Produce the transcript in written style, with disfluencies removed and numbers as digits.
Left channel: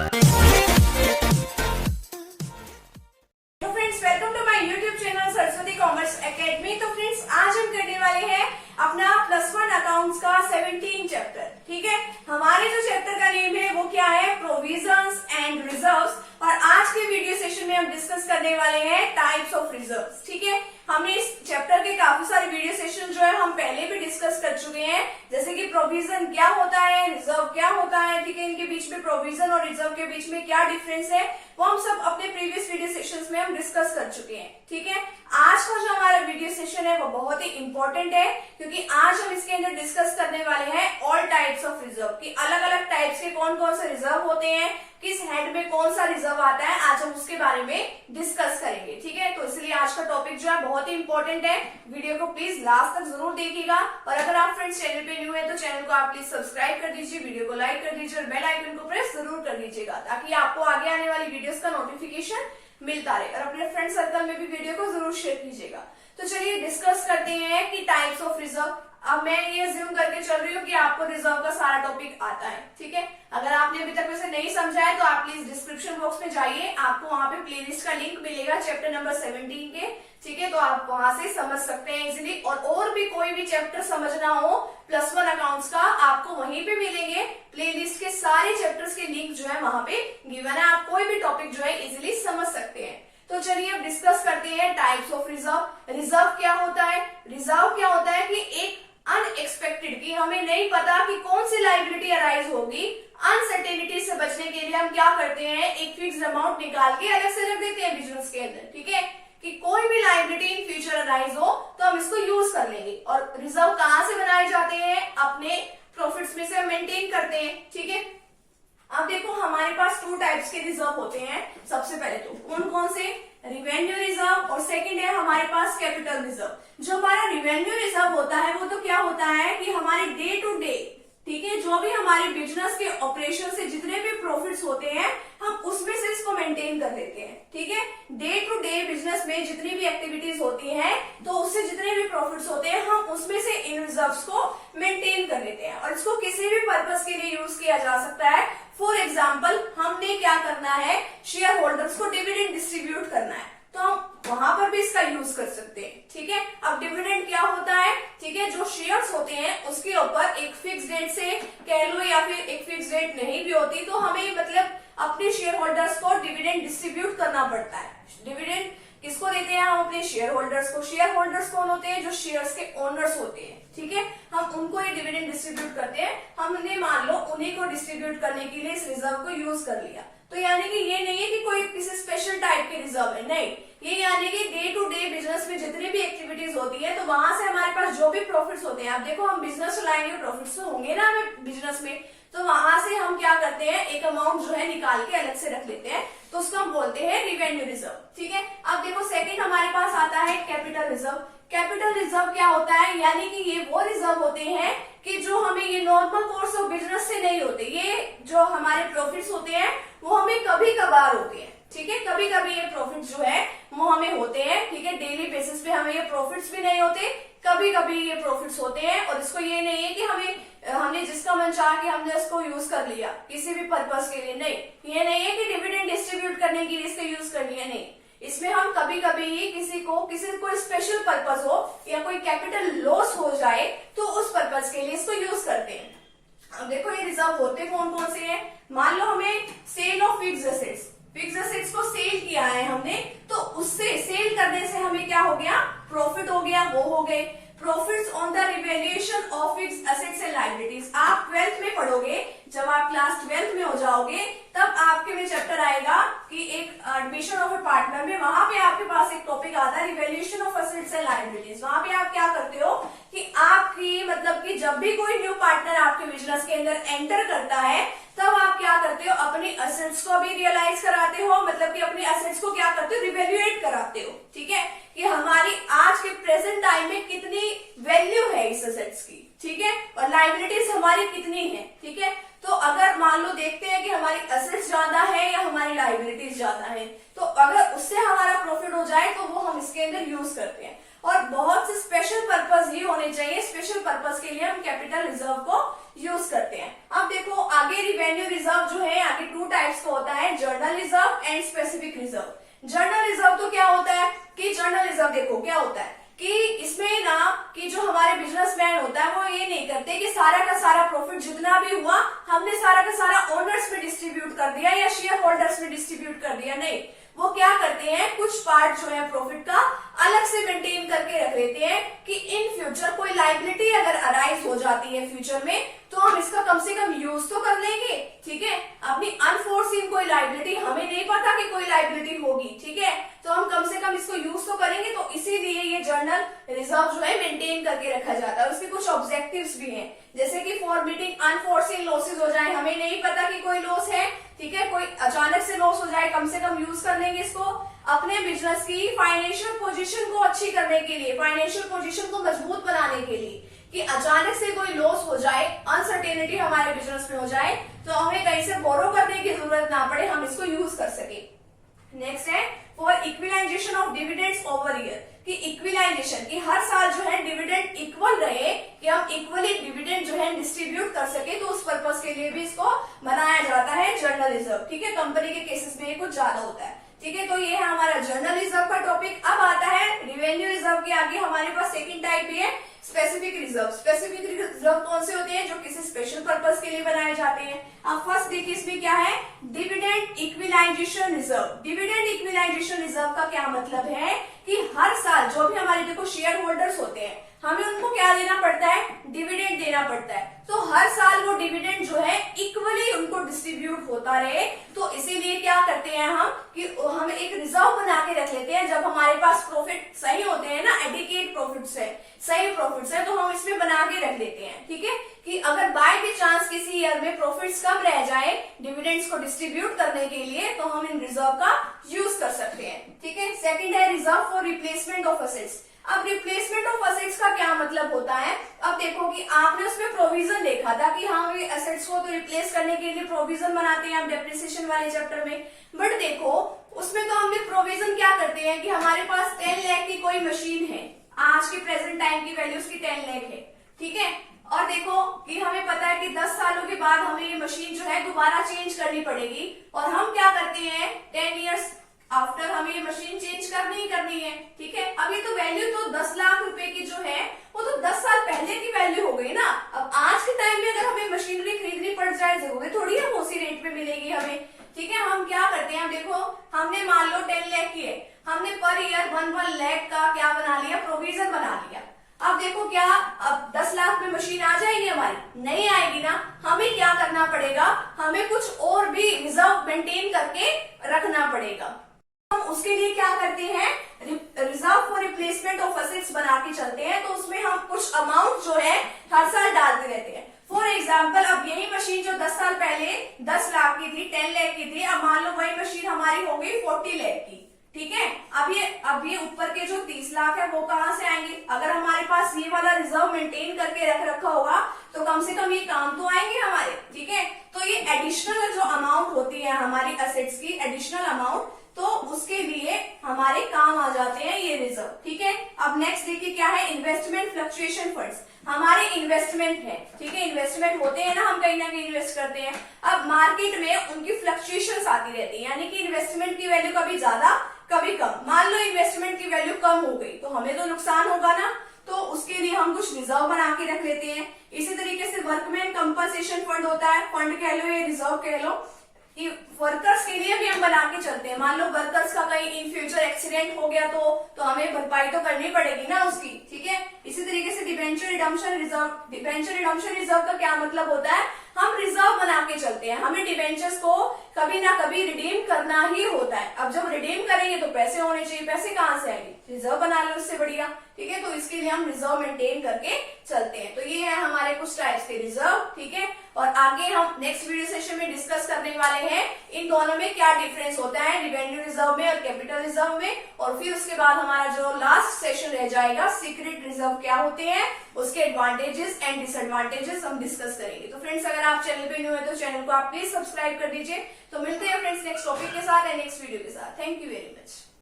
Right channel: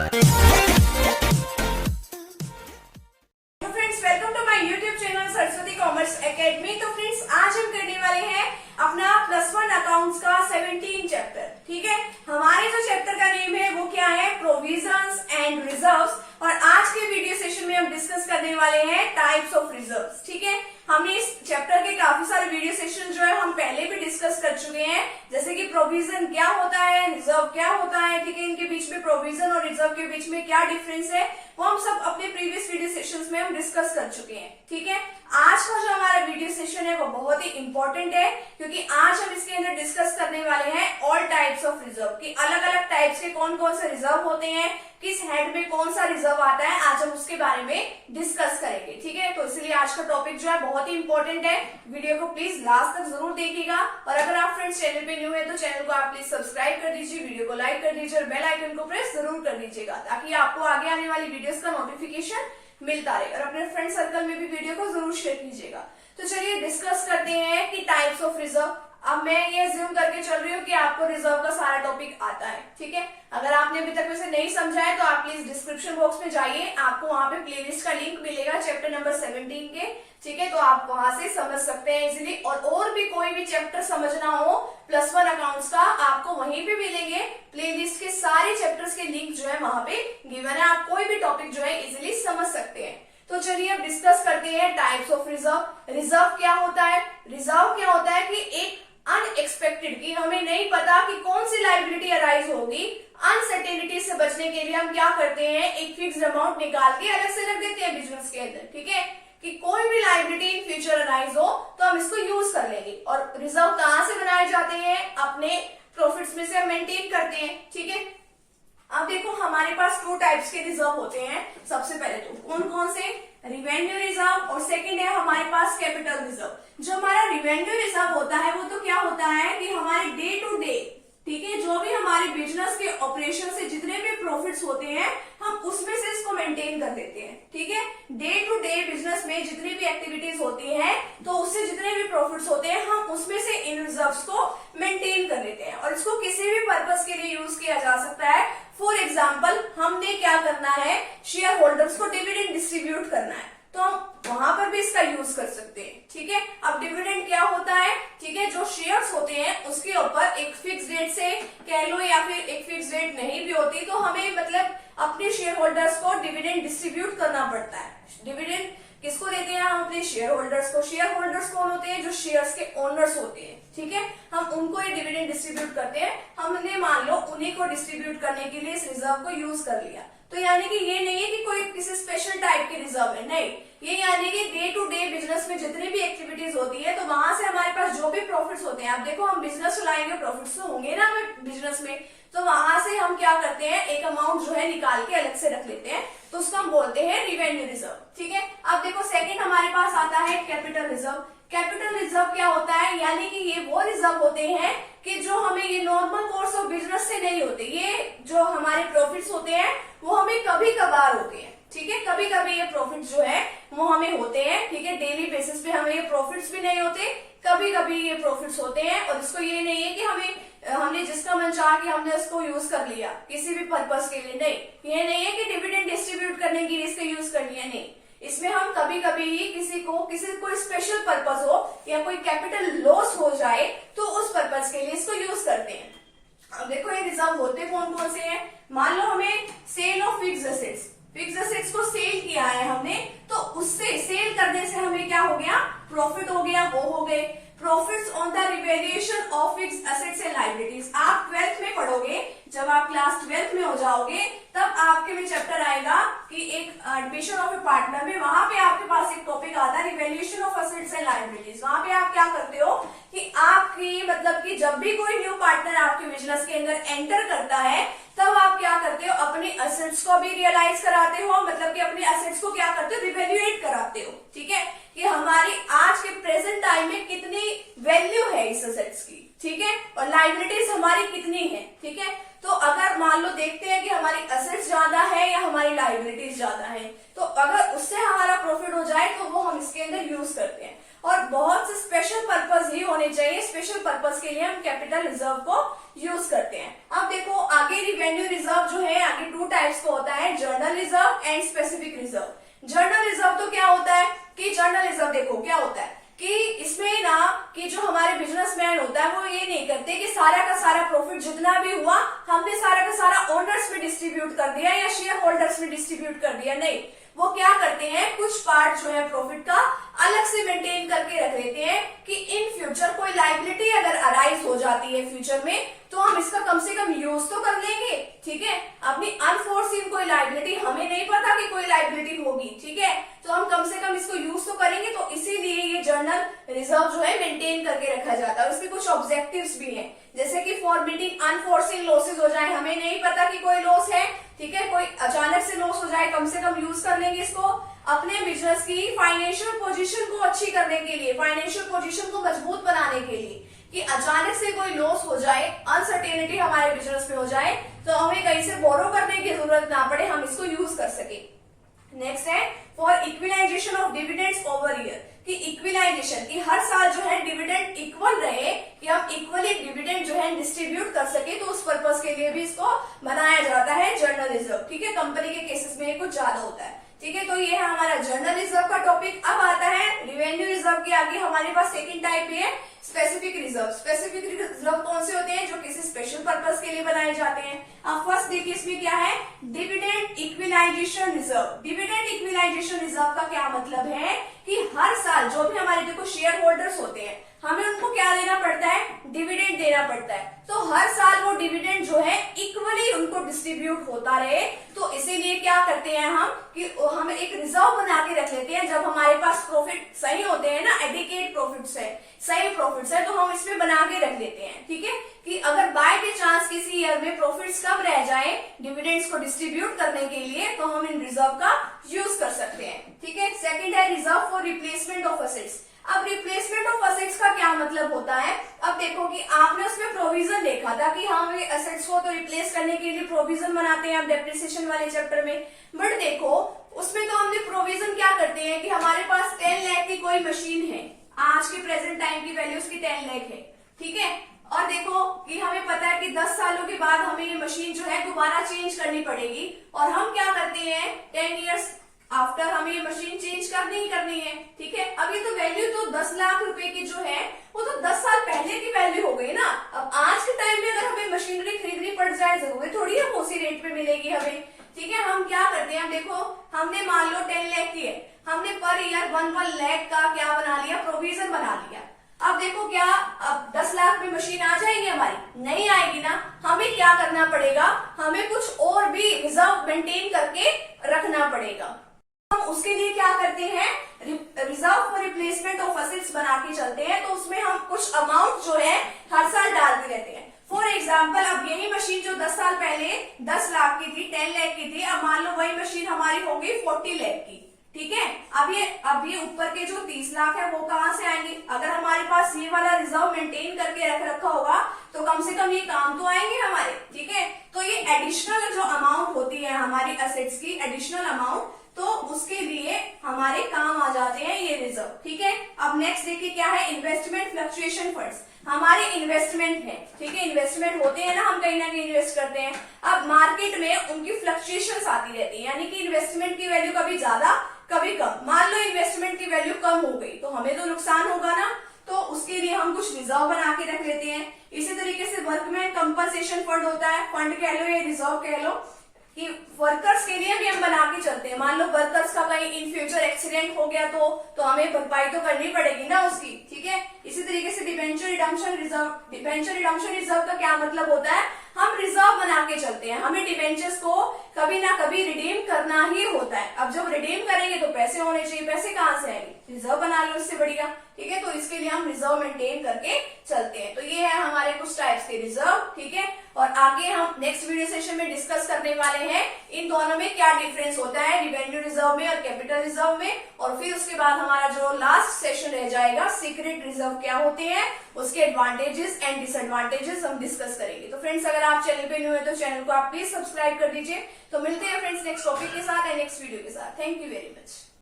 Friends, welcome to my YouTube channel Saraswati commerce academy. तो friends, आज हम करने वाले हैं अपना +1 अकाउंट्स का 17 चैप्टर। ठीक है, हमारे जो चैप्टर का नेम है वो क्या है? Provisions and reserves. और आज के वीडियो सेशन में हम डिस्कस करने वाले हैं टाइप्स ऑफ रिजर्व्स। ठीक है, हमने इस चैप्टर के काफी सारे वीडियो सेशन जो है हम पहले भी डिस्कस कर चुके हैं, जैसे कि प्रोविजन क्या होता है, रिजर्व क्या होता है। ठीक है, इनके बीच में प्रोविजन और रिजर्व के बीच में क्या डिफरेंस है वो हम सब अपने प्रीवियस वीडियो सेशंस में हम डिस्कस कर चुके हैं। ठीक है, आज का जो हमारा वीडियो सेशन है वो बहुत ही इंपॉर्टेंट है, क्योंकि आज हम इसके अंदर डिस्कस करने वाले हैं ऑल टाइप्स ऑफ रिजर्व की। अलग अलग टाइप्स के कौन कौन से रिजर्व होते हैं, किस हेड में कौन सा रिजर्व आता है, आज हम उसके बारे में डिस्कस करेंगे। ठीक है, तो इसलिए आज का टॉपिक जो है बहुत ही इंपॉर्टेंट है। वीडियो को प्लीज लास्ट तक जरूर देखिएगा। और अगर आप फ्रेंड्स चैनल पे न्यू है तो चैनल को आप प्लीज सब्सक्राइब कर दीजिए, वीडियो को लाइक कर दीजिए और बेल आइकन को प्रेस जरूर कर दीजिएगा, ताकि आपको आगे आने वाली वीडियोस का नोटिफिकेशन मिलता रहे। और अपने फ्रेंड सर्कल में भी वीडियो को जरूर शेयर कीजिएगा। तो चलिए डिस्कस करते हैं कि टाइप्स ऑफ रिजर्व। अब मैं ये अज्यूम करके चल रही हूँ कि आपको रिजर्व का सारा टॉपिक आता है। ठीक है, अगर आपने अभी तक वैसे नहीं समझा है तो आप प्लीज डिस्क्रिप्शन बॉक्स में जाइए, आपको वहां पे प्लेलिस्ट का लिंक मिलेगा चैप्टर नंबर 17 के। ठीक है, तो आप वहां से समझ सकते हैं इजिली। और भी कोई भी चैप्टर समझना हो +1 अकाउंट्स का, आपको वहीं पे मिलेंगे। प्लेलिस्ट के सारे चैप्टर्स के लिंक जो है वहां पे गिवन है, आप कोई भी टॉपिक जो है इजिली समझ सकते हैं। तो चलिए अब डिस्कस करते हैं टाइप्स ऑफ रिजर्व। रिजर्व क्या होता है? रिजर्व क्या होता है कि एक अनएक्सपेक्टेड, की हमें नहीं पता कि कौन सी लायबिलिटी अराइज होगी, अनसर्टेनिटी से बचने के लिए हम क्या करते हैं, एक फिक्स अमाउंट निकाल के अलग से रख देते हैं बिजनेस के अंदर। ठीक है, कि कोई भी लायबिलिटी इन फ्यूचर अराइज हो तो हम इसको यूज कर लेंगे। और रिजर्व कहाँ से बनाए जाते हैं? अपने प्रॉफिट्स में से हम मेंटेन करते हैं। ठीक है, अब देखो हमारे पास 2 टाइप्स के रिजर्व होते हैं। सबसे पहले तो कौन कौन से? रिवेन्यू रिजर्व, और सेकंड है हमारे पास कैपिटल रिजर्व। जो हमारा रिवेन्यू रिजर्व होता है वो तो क्या होता है कि हमारे डे टू डे, ठीक है, जो भी हमारे बिजनेस के ऑपरेशन से जितने भी प्रॉफिट्स होते हैं हम उसमें से इसको मेंटेन कर लेते हैं। ठीक है, डे टू डे बिजनेस में जितनी भी एक्टिविटीज होती हैं तो उससे जितने भी प्रॉफिट्स होते हैं हम उसमें से इन रिजर्व्स को मेंटेन कर लेते हैं। और इसको किसी भी पर्पज के लिए यूज किया जा सकता है। फॉर एग्जाम्पल, हमने क्या करना है, शेयर होल्डर्स को डिविडेंड डिस्ट्रीब्यूट करना है, तो हम वहां पर भी इसका यूज कर सकते हैं। ठीक है, अब डिविडेंड क्या होता है? ठीक है, जो शेयर्स होते हैं उसके ऊपर एक फिक्स डेट से कह लो या फिर एक फिक्स डेट नहीं भी होती तो हमें मतलब अपने शेयर होल्डर्स को डिविडेंड डिस्ट्रीब्यूट करना पड़ता है। डिविडेंड किसको देते हैं? हम अपने शेयर होल्डर्स को। शेयर होल्डर्स कौन होते हैं? जो शेयर्स के ओनर्स होते हैं। ठीक है, हम उनको ये डिविडेंड डिस्ट्रीब्यूट करते हैं। हमने मान लो उन्हीं को डिस्ट्रीब्यूट करने के लिए इस रिजर्व को यूज कर लिया। तो यानी कि ये नहीं है कि कोई किसी स्पेशल टाइप के रिजर्व है, नहीं, ये यानी कि डे टू डे बिजनेस में जितनी भी एक्टिविटीज होती है तो वहां से हमारे पास जो भी प्रॉफिट्स होते हैं, आप देखो हम बिजनेस चलाएंगे, प्रॉफिट्स तो होंगे ना हमें बिजनेस में, तो वहां से हम क्या करते हैं, एक अमाउंट जो है निकाल के अलग से रख लेते हैं, तो उसको हम बोलते हैं रिवेन्यू रिजर्व। ठीक है, अब देखो सेकंड हमारे पास आता है कैपिटल रिजर्व। कैपिटल रिजर्व क्या होता है? यानी कि ये वो रिजर्व होते हैं कि जो हमें ये नॉर्मल कोर्स ऑफ बिजनेस से नहीं होते, ये जो हमारे प्रॉफिट्स होते हैं वो हमें कभी कभार होते हैं। ठीक है, कभी कभी ये प्रॉफिट जो है वो हमें होते हैं। ठीक है, डेली बेसिस पे हमें ये प्रॉफिट्स भी नहीं होते, कभी कभी ये प्रॉफिट्स होते हैं। और इसको ये नहीं है कि हमने जिसका मन चाहा कि हमने उसको यूज कर लिया किसी भी पर्पज के लिए, नहीं, ये नहीं है कि डिविडेंड डिस्ट्रीब्यूट करने के लिए इसको यूज कर लिया, नहीं। इसमें हम कभी कभी ही किसी को कोई स्पेशल पर्पज हो या कोई कैपिटल लॉस हो जाए तो उस पर्पज के लिए इसको यूज करते हैं। अब देखो ये रिजर्व होते कौन कौन से हैं? मान लो हमें sale of fixed assets, fixed assets को सेल किया है हमने, तो उससे सेल करने से हमें क्या हो गया? प्रॉफिट हो गया, वो हो गए profits on the revaluation of fixed assets and liabilities. आप 12th में पढ़ोगे, जब आप क्लास 12th में हो जाओगे तब आपके में चैप्टर आएगा कि एक एडमिशन ऑफ ए पार्टनर में, वहां पे आपके पास एक टॉपिक आता है revaluation of assets and liabilities. वहां पे आप क्या करते हो कि आपकी मतलब कि जब भी कोई न्यू पार्टनर आपके बिजनेस के अंदर एंटर करता है तब आप क्या करते हो, अपने एसेट्स को भी रियलाइज कराते हो, मतलब कि अपने एसेट्स को क्या करते हो, रिवैल्यूएट कराते हो। ठीक है, कि हमारी आज के प्रेजेंट टाइम में कितनी वैल्यू है इस एसेट्स की। ठीक है, और लायबिलिटीज हमारी कितनी है। ठीक है, तो अगर मान लो देखते हैं कि हमारी एसेट्स ज्यादा है या हमारी लायबिलिटीज ज्यादा है, तो अगर उससे हमारा प्रॉफिट हो जाए तो वो हम इसके अंदर यूज करते हैं। और बहुत से स्पेशल पर्पज ही होने चाहिए, स्पेशल पर्पज के लिए हम कैपिटल रिजर्व को यूज करते हैं। अब देखो आगे रिवेन्यू रिजर्व जो है, आगे 2 टाइप टाइप्स का होता है, journal reserve and specific reserve. Journal reserve तो क्या होता है कि जर्नल रिजर्व देखो क्या होता है कि इसमें ना कि जो हमारे बिजनेसमैन होता है वो ये नहीं करते कि सारा का सारा प्रॉफिट जितना भी हुआ हमने सारा का सारा ओनर्स में डिस्ट्रीब्यूट कर दिया या शेयर होल्डर्स में डिस्ट्रीब्यूट कर दिया। नहीं, वो क्या करते हैं, कुछ पार्ट जो है प्रॉफिट का अलग से मेंटेन करके रख लेते हैं कि इन फ्यूचर कोई लायबिलिटी अगर अराइज हो जाती है फ्यूचर में तो हम इसका कम से कम यूज तो कर लेंगे। ठीक है, अपनी अनफोर्सिन कोई लायबिलिटी, हमें नहीं पता कि कोई लायबिलिटी होगी, ठीक है, तो हम कम से कम इसको यूज तो करेंगे। तो इसीलिए ये जर्नल रिजर्व जो है मेंटेन करके रखा जाता है। उसके कुछ ऑब्जेक्टिव्स भी हैं, जैसे कि फॉर मीटिंग अनफोर्सिन लॉसेज हो जाए, हमें नहीं पता कि कोई लॉस है, ठीक है, कोई अचानक से लॉस हो जाए, कम से कम यूज कर लेंगे इसको। अपने बिजनेस की फाइनेंशियल पोजीशन को अच्छी करने के लिए, फाइनेंशियल पोजीशन को मजबूत बनाने के लिए, कि अचानक से कोई लॉस हो जाए, अनसर्टेनिटी हमारे बिजनेस में हो जाए तो हमें कहीं से बोरो करने की जरूरत ना पड़े, हम इसको यूज कर सके। नेक्स्ट है for equalisation of dividends over year, कि इक्विलाइजेशन की हर साल जो है डिविडेंड इक्वल रहे, कि हम इक्वली डिविडेंड जो है डिस्ट्रीब्यूट कर सके, तो उस पर्पज के लिए भी इसको बनाया जाता है जर्नल रिजर्व। ठीक है, कंपनी के केसेस में ये कुछ ज्यादा होता है। ठीक है, तो ये है हमारा जर्नल रिजर्व का टॉपिक। अब आता है रिवेन्यू रिजर्व के आगे हमारे पास सेकंड टाइप है स्पेसिफिक रिजर्व। स्पेसिफिक रिजर्व कौन से होते हैं, जो किसी स्पेशल पर्पज के लिए बनाए जाते हैं। अब फर्स्ट देखिए इसमें क्या है, dividend equalisation reserve. Dividend equalisation reserve का क्या मतलब है कि हर साल जो भी हमारे देखो शेयर होल्डर्स होते हैं, हमें उनको क्या देना पड़ता है, डिविडेंड देना पड़ता है। तो हर साल वो डिविडेंड जो है इक्वली उनको डिस्ट्रीब्यूट होता रहे, तो इसीलिए क्या करते हैं हम कि हम एक रिजर्व बना के रख लेते हैं। जब हमारे पास प्रॉफिट सही होते हैं ना, एडिकेट प्रॉफिट्स है, सही प्रॉफिट्स है, तो हम इसमें बना के रख लेते हैं। ठीक है, कि अगर बाय के चांस किसी ईयर में प्रॉफिट्स कम रह जाए डिविडेंड्स को डिस्ट्रीब्यूट करने के लिए, तो हम इन रिजर्व का यूज कर सकते हैं। ठीक है, सेकंड है reserve for replacement of assets. अब रिप्लेसमेंट ऑफ असेट्स का क्या मतलब होता है, अब देखो कि आपने उसमें प्रोविजन देखा था कि हाँ ये असेट्स को तो रिप्लेस करने के लिए प्रोविजन बनाते हैं आप डेप्रिसिएशन वाले चैप्टर में, बट देखो उसमें तो हमने प्रोविजन क्या करते हैं कि हमारे पास 10 लाख की कोई मशीन है, आज के प्रेजेंट टाइम की वैल्यू उसकी 10 लाख है। ठीक है, और देखो कि हमें पता है कि 10 सालों के बाद हमें ये मशीन जो है दोबारा चेंज करनी पड़ेगी, और हम क्या करते हैं 10 ईयर्स आफ्टर हमें ये मशीन चेंज करनी ही करनी है। ठीक है, अब ये तो वैल्यू तो 10 लाख रुपए की जो है वो तो 10 साल पहले की वैल्यू हो गई ना। अब आज के टाइम में अगर हमें मशीनरी खरीदनी पड़ जाए, जरूरी थोड़ी है उसी रेट पे मिलेगी हमें। ठीक है, हम क्या करते हैं, देखो हमने मान लो 10 लाख की है, हमने पर ईयर 1 लाख का क्या बना लिया, प्रोविजन बना लिया। अब देखो क्या अब 10 लाख में मशीन आ जाएगी हमारी, नहीं आएगी ना। हमें क्या करना पड़ेगा, हमें कुछ और भी रिजर्व मेंटेन करके रखना पड़ेगा। हम उसके लिए क्या करते हैं, reserve for replacement of assets बना के चलते हैं, तो उसमें हम कुछ अमाउंट जो है हर साल डालते रहते हैं। फॉर एग्जाम्पल अब यही मशीन जो 10 साल पहले 10 लाख की थी, 10 लाख की थी, अब मान लो वही मशीन हमारी होगी 40 लाख की। ठीक है, अब ये ऊपर के जो 30 लाख है वो कहाँ से आएंगे, अगर हमारे पास ये वाला रिजर्व मेंटेन करके रख रखा होगा तो कम से कम ये काम तो आएंगे हमारे। ठीक है, तो ये एडिशनल जो अमाउंट होती है हमारी असेट्स की, एडिशनल अमाउंट, तो उसके लिए हमारे काम आ जाते हैं ये रिजर्व। ठीक है, अब नेक्स्ट देखिए क्या है, इन्वेस्टमेंट फ्लक्चुएशन फंड्स। हमारे इन्वेस्टमेंट है, ठीक है, इन्वेस्टमेंट होते हैं ना, हम कहीं ना कहीं इन्वेस्ट करते हैं। अब मार्केट में उनकी फ्लक्चुएशंस आती रहती है, यानी कि इन्वेस्टमेंट की वैल्यू कभी ज्यादा कभी कम। मान लो इन्वेस्टमेंट की वैल्यू कम हो गई तो हमें तो नुकसान होगा ना, तो उसके लिए हम कुछ रिजर्व बना के रख लेते हैं। इसी तरीके से वर्कमैन कंपनसेशन फंड होता है, फंड कह लो या रिजर्व कह लो, कि वर्कर्स के लिए भी हम बना के चलते हैं। मान लो वर्कर्स का कहीं इन फ्यूचर एक्सीडेंट हो गया तो हमें भरपाई तो करनी पड़ेगी ना उसकी। ठीक है, इसी तरीके से debenture redemption reserve. Debenture redemption reserve का क्या मतलब होता है, हम रिजर्व बना के चलते हैं, हमें डिबेंचर्स को कभी ना कभी रिडीम करना ही होता है। अब जब रिडीम करेंगे तो पैसे होने चाहिए, पैसे कहाँ से आएंगे, रिजर्व बना लो उससे बढ़िया। ठीक है, तो इसके लिए हम रिजर्व मेंटेन करके चलते हैं। तो ये है हमारे कुछ टाइप्स के रिजर्व। ठीक है, और आगे हम नेक्स्ट वीडियो सेशन में डिस्कस करने वाले हैं इन दोनों में क्या डिफरेंस होता है, रिवेन्यू रिजर्व में और कैपिटल रिजर्व में। और फिर उसके बाद हमारा जो लास्ट सेशन रह जाएगा, सीक्रेट रिजर्व क्या होते हैं, उसके एडवांटेजेस एंड डिसएडवांटेजेस हम डिस्कस करेंगे। तो फ्रेंड्स अगर आप चैनल पे न्यू है तो चैनल को आप प्लीज सब्सक्राइब कर दीजिए। तो मिलते हैं फ्रेंड्स नेक्स्ट टॉपिक के साथ एंड नेक्स्ट वीडियो के साथ। Thank you very much.